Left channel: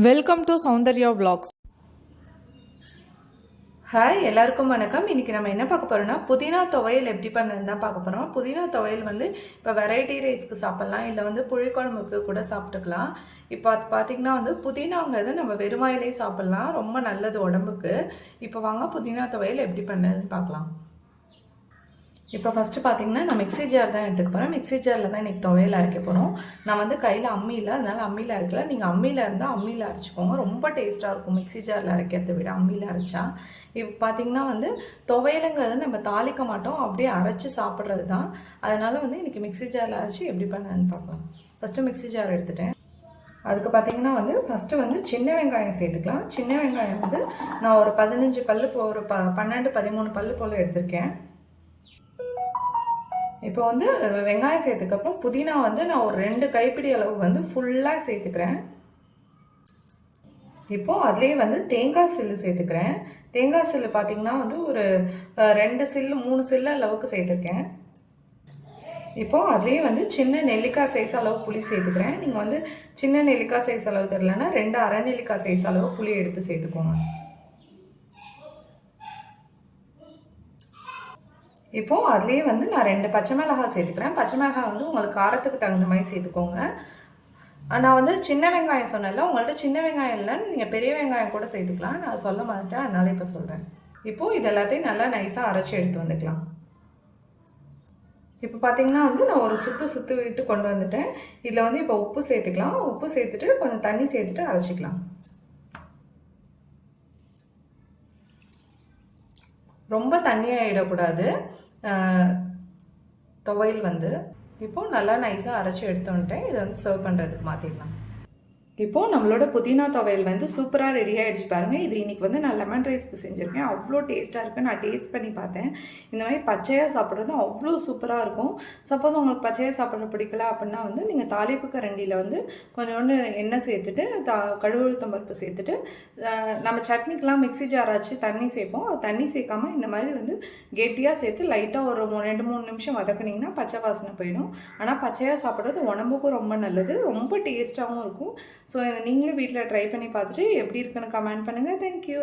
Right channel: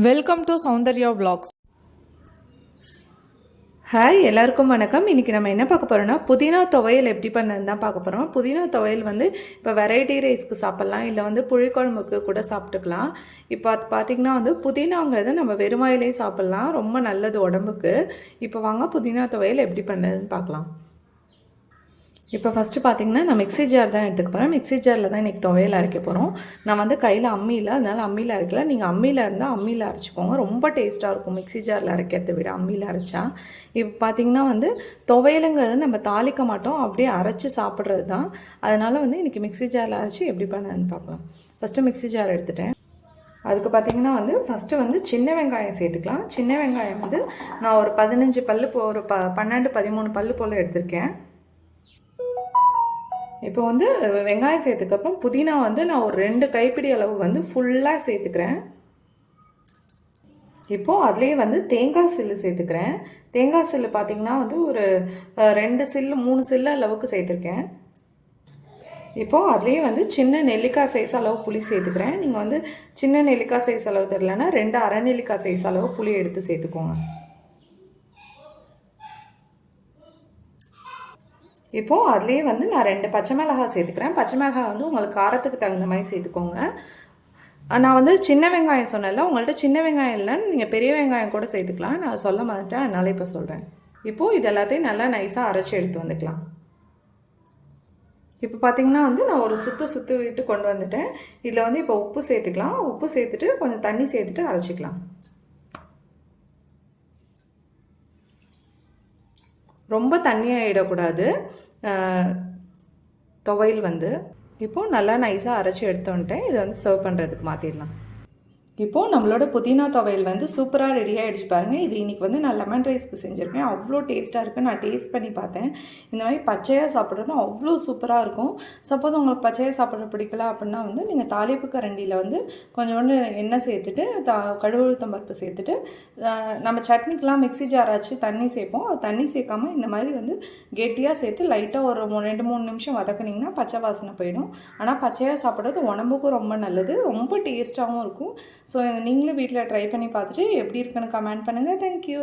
Welcome to Soundarya vlogs. Hi எல்லாருக்கும் வணக்கம். இன்றைக்கி நம்ம என்ன பார்க்க போகிறோம்னா புதினா துவையல் எப்படி பண்ணது தான் பார்க்க போகிறோம் புதினா துவையல் வந்து இப்போ வெரைட்டி ரைஸ்க்கு சாப்பிட்லாம் இல்லை வந்து புளிக்குழம்புக்கு கூட சாப்பிட்டுக்கலாம். இப்போ அது பார்த்திங்கன்னா வந்து புதினாங்கிறது நம்ம வெறுமாயிலே சாப்பிட்லாம். ரொம்ப நல்லது உடம்புக்கு. இப்போ வாங்க புதினா துவையல் எப்படி பண்ணதுன்னு பார்க்கலாம். இப்போ ஃபஸ்ட்டு பார்த்தீங்கன்னா நான் மிக்ஸி ஜார் தான் எடுத்துக்க போகிறேன் மிக்ஸி ஜாரில் தான் இன்றைக்கி துவையல் அரைக்க போகிறோம் நான் வந்து கையில் அம்மியில் அதனால் அம்மியில் அரைக்கல. நீங்கள் அம்மியில் இருந்தால் அம்மியில் அரைச்சிக்கோங்க. ரொம்ப டேஸ்ட்டாக இருக்கும் மிக்ஸி ஜாரில் அரைக்கிறத விட அம்மியில் அரைச்சா. இப்போ பார்த்தீங்கன்னா வந்து துவையலுங்கிறது நம்ம தாளிக்க மாட்டோம். அப்படியே அரைச்சி சாப்பிட்றது தான். அதனால் வந்து இன்றைக்கி மிக்ஸி ஜாரில் அரைச்சி எப்படி பண்ணதுன்னு பார்க்கலாம் ஃபஸ்ட்டு மிக்ஸி ஜார் எடுத்துட்டேன். அதுக்கு பார்த்தீங்கன்னா வந்து ஃபஸ்ட்டு வந்து சின்ன வெங்காயம் சேர்த்துக்கலாம். சின்ன வெங்காயம் வந்து நான் ஒரு பதினஞ்சு பல்லு போ ஒரு ப பன்னெண்டு பதிமூணு பல் போல் எடுத்திருக்கேன். இப்போ வந்து வெங்காயம் சேர்த்துக்கப்புறம் புதினா வந்து நான் ஒரு ரெண்டு கைப்பிடி அளவு வந்து ஃபுல்லாக சேர்த்துக்கிறேன். இப்போது அதுலேயே வந்து தேங்காய் சில்லு சேர்த்துக்கிறேன். தேங்காய் சில்லு பார்த்திங்கன்னா வந்து ஒரு ரெண்டு சில்லு மூணு சில்லு அளவுக்கு சேர்த்துருக்கேன். இப்போது அதுலேயே வந்து சின்ன நெல்லிக்காய் சைஸ் அளவு புளி சேர்த்துக்கிறேன். நீங்கள் வந்து சின்ன நெல்லிக்காய் சைஸ் அளவு தெரிலனா ரெண்டு அரை நெல்லிக்காய் சைஸ் அளவு புளி எடுத்து சேர்த்துக்கோங்க. இப்போது அதுலேயே வந்து நான் ரெண்டு பச்சை மிளகாய் சேர்த்துக்கிறேன். பச்சை மிளகா வந்து உங்களுக்கு காரத்துக்கு தகுந்த மாதிரி சேர்த்துக்கோங்க. நான் வந்து சின்ன வெங்காயம் சொன்னேன்ல உங்கள்கிட்ட சின்ன வெங்காயம் இல்லைன்னு நீங்கள் பெரிய வெங்காயம் கூட சேர்த்துக்கலாம். நான் சொல்ல மாட்டேன் அதனால் இப்போ சொல்கிறேன் இப்போது இது எல்லாத்தையும் நல்லா நைஸாக அரைச்சி எடுத்து வந்துக்கலாம். இப்போ பார்த்தீங்கன்னா வந்து நான் ஒரு சுற்று சுற்று விட்டு கொண்டு வந்துட்டேன். இதில் வந்து இப்போ உப்பு சேர்த்துக்கலாம். உப்பு சேர்த்துட்டு கொஞ்சம் தண்ணி சேர்த்துட்டு அரைச்சிக்கலாம். ரொம்ப தண்ணியாகிடக்கூடாது துவையல் வந்து. இப்போது நல்லா நைஸாக அரைச்சி எடுத்து வந்துட்டேன் இதை வந்து சர்வ் பண்ணுறதுக்கு மாற்றிடலாம் இப்போது நம்மளோட புதினா துவையல் வந்து சூப்பராக ரெடி ஆகிடுச்சு பாருங்கள் இது இன்றைக்கி வந்து நான் லெமன் ரைஸ்க்கு செஞ்சுருக்கேன். அவ்வளோ டேஸ்ட்டாக இருக்குது நான் டேஸ்ட் பண்ணி பார்த்தேன். இந்த மாதிரி பச்சையாக சாப்பிட்றதும் அவ்வளோ சூப்பராக இருக்கும். சப்போஸ் உங்களுக்கு பச்சையாக சாப்பிட்ற பிடிக்கல அப்படின்னா வந்து நீங்கள் தாளிப்பு கரண்டியில் வந்து கொஞ்சோண்டு எண்ணெய் சேர்த்துட்டு தா கழுவுழுத்தம் பருப்பு சேர்த்துட்டு நம்ம சட்னிக்கெலாம் மிக்ஸி ஜார் ஆச்சு தண்ணி சேர்ப்போம். அது தண்ணி சேர்க்காம இந்த மாதிரி வந்து கெட்டியாக சேர்த்து லைட்டாக ஒரு மூணு ரெண்டு மூணு நிமிஷம் வதக்குனிங்கன்னா பச்சை வாசனை போயிடும். ஆனால் பச்சையாக சாப்பிட்றது உடம்புக்கும் ரொம்ப நல்லது. ரொம்ப டேஸ்ட்டாகவும் இருக்கும். ஸோ நீங்களும் வீட்டில் ட்ரை பண்ணி பார்த்துட்டு எப்படி இருக்குன்னு கமெண்ட் பண்ணுங்கள் தேங்க்யூ